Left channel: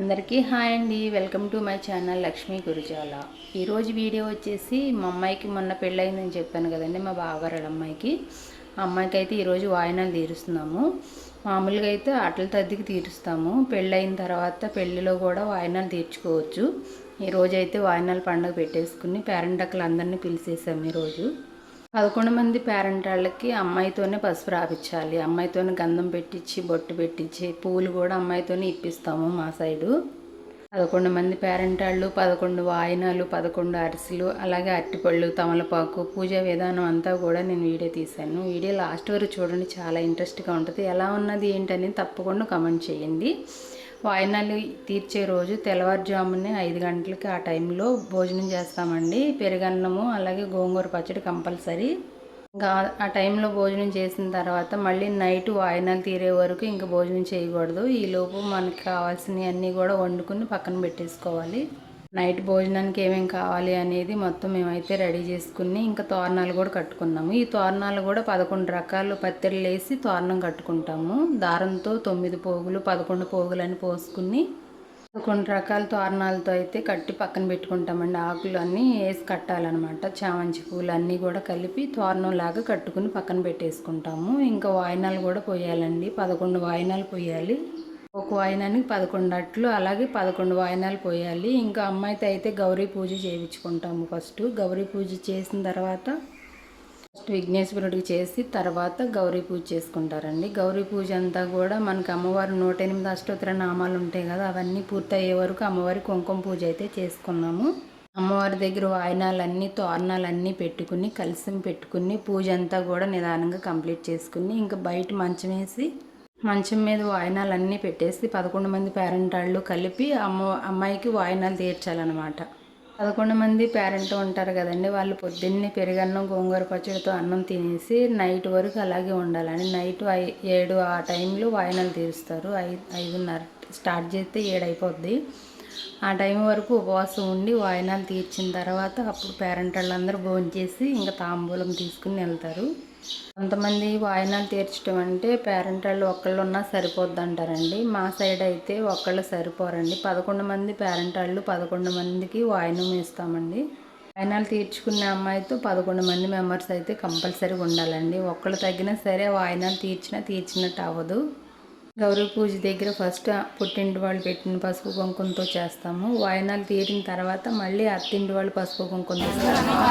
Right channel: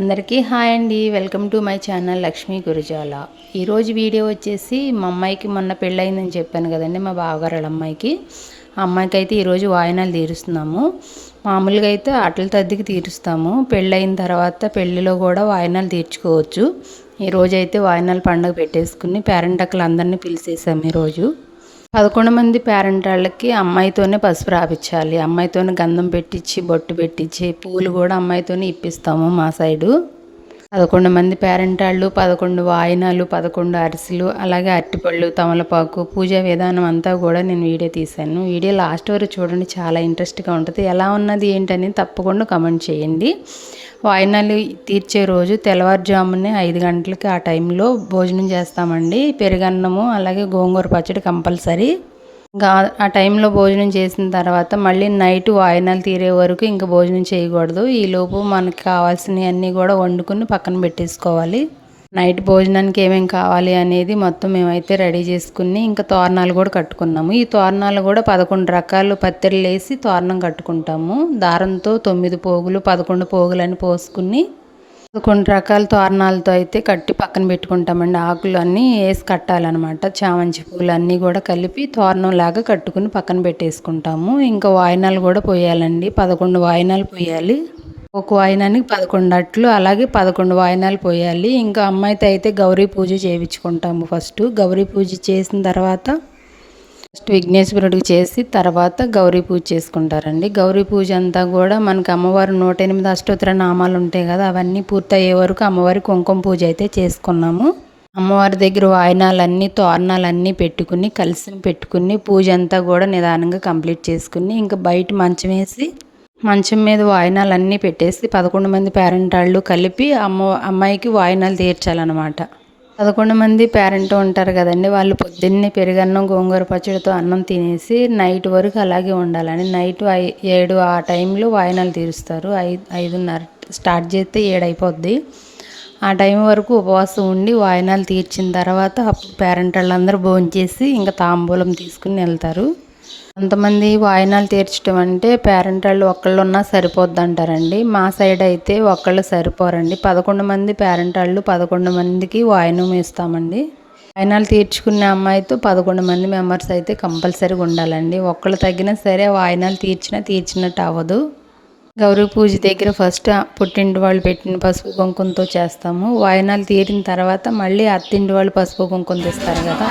అందరికీ హాయ్ అండి. Welcome to my channel Lakshmi Gurujala. ఈరోజు వీడియో వచ్చేసి మా అమ్మాయికి మొన్న పెళ్ళయిందని చెప్పాను కదండి, మా బావగారు అమ్మాయికి. ఆ అమ్మాయికి అయితే ఈరోజు వాయినాలు తీరుస్తున్నాము. మామూలుగా అయితే అట్ల తద్దికి తీరుస్తాము. పెళ్ళయిన తర్వాత పెళ్ళిలో కూడా వాయినాలు తీర్చుకోవచ్చు. ఈరోజు అయితే వాయినాలు పండుగ పెట్టేసుకుని పేరెంటక్కలు అందరినీ పిలిచేసాము. ఈరోజు 11 మంది పేరెంట్ వాళ్ళకి అమ్మాయితోనే పసుపు రాపించాలి. అమ్మాయితోనే గంధం పెట్టించి బొట్టు పెట్టించి పూలు కూడా అమ్మాయితోనే ఇప్పిస్తాము మా సైడు. 11 మంది పేరెంట్ వాళ్ళు, 11 వాయినాలు, 11 అరిసెలు, అలాగే అరటిపళ్ళు, తమలపాకు, పూజా విధానం అంతా కూడా నేను వీడియో తీశాను. వీడియో లాస్ట్ వరకు చూడండి, చాలా ఇంట్రెస్ట్గా ఉంటుంది. ఎలా ఉన్నది ఏంటని తప్పకుండా కమెంట్ చేయండి. వాయినాలు తీర్చే రోజు తెల్లవారుజామునే 5 గంటలకి ఆ టైంలో భోజనం చేస్తామండి. పెరుగన్నము అలాగే గోంగూర పచ్చడి కంపల్సరీ. ఇంకా ఆ టైంలో భోజనం చేసిన తర్వాత మళ్ళీ నైట్ వాయినాలు తీరే వరకు ఇంకా భోజనం చేయకూడదు. ఈలోపు మనకి కావాల్సినవి అన్నీ కూడా వండుకుని పక్కన పెట్టేసుకోవాలి. నైట్ భోజనానికి ఏమేమి కావాలి అనేది మొత్తం మేమైతే రెడీ చేసుకుని ఇంకా తోరణాలు కూడా కట్టుకున్నాము. ఈ తోరణాలు కూడా 11 రకాలు పత్తిళ్ళు వేసి తోరణం కట్టుకుంటాము. దారంతో 9 పోగులు 11 పోగులు అని పోసుకుని 11 రకాల తోరణాలతో అయితే కట్టి పక్కన పెట్టుకుంటామండి. ఆకులు అన్నీ వేసి కట్టాలన్నమాట. చామంతి పూలు అన్నీ కూడా కలిపి తోరణం లాగా కట్టుకుని పక్కన పెట్టేసుకుంటాము. ఇంకా వాయినాలు కూడా పోయాలండి. 11 వాయినాలు పోయాలి. ఒక వాయినానికి 11 అట్లు, అలాగే 11 వాయినాలు పోయాలి. ఇంకా అమ్మాయితో అయితే గౌరీ పూజ చేయించుకుంటాము. ఫస్ట్ గౌరీ పూజ చేసిన తర్వాత ఫస్ట్ విఘ్నేశ్వరుడికి చేసి తర్వాత గౌరీ పూజ చేసుకుంటారండి. గౌరీ పూజ అంతా కూడా మనకి అమ్మవారు 108 అష్టోత్తర నామాలు ఉంటాయి కదా, అవన్నీ పూర్తయ్యే వరకు అమ్మవారి కుంకుమ పూజ అయితే చేసుకున్నాము. అమ్మవారి దగ్గర వాయినాలన్నీ తోరణాలన్నీ పెట్టుకుని కలశం పెట్టుకుని పూజ అంతా కూడా నిదానంగా కంప్లీట్ చేసుకుని ఇంకా బయట మంచం వేసి మంచం మీద వాయినాలు అన్నీ పెట్టేసి 11 మంది పేరెంట్ వాళ్ళు కలిపి అమ్మాయికి వాయినాలు తీర్చాలన్నమాట. 11 మంది పేరెంట్ ఉంటారు కదండి, వాళ్ళు పొద్దున్నే పెరుగన్నం గోంగూర పచ్చడితో అన్నం తినేసి నైట్ వరకు అలాగే ఉండాలని. నైట్ 7 ఆ టైంలో వాయినాలు తీరుస్తారు. 5:30 స్టార్ట్ చేస్తే 7 అయిపోద్ది. ఆ టైం వరకు ఉపవాసం ఉండి వాయినాలు తీర్చిన తర్వాత అప్పుడు పేరెంట్ వాళ్ళందరూ భోంచేసి ఇంకా తాంబూలం తీసుకుని వెళ్తారు. కొంతమంది వాయినాలు తీర్చడం అంటే పేరెంట్ వాళ్ళు ఒక్కళ్ళు ఉన్నా సరిపోద్ది అంటారండి. మా సైడ్ అయితే ఒక్కళ్ళు సరిపోరండి. 11 మంది పేరెంట్ వాళ్ళు 11 మందికి వాయినం ఇస్తామండి. వాయినాలు తీర్చుకునే అమ్మాయితో 11 మంది మెంబర్స్ అయితే కంపల్సరీగా ఉండాలండి. ఒక్కళ్ళు తగ్గినా సరే వాయినాలు తీర్చినట్టు అవ్వదు. గౌరీ పూజ దగ్గర ఫస్ట్ పుట్టింటి వాళ్ళు పెట్టిన పసుపు కుంకుమతో చేస్తాము. వాయినాలు తీరిన తర్వాత మళ్ళీ అత్తింటి వాళ్ళు పసుపు కుంకుమ తెస్తారు కదా.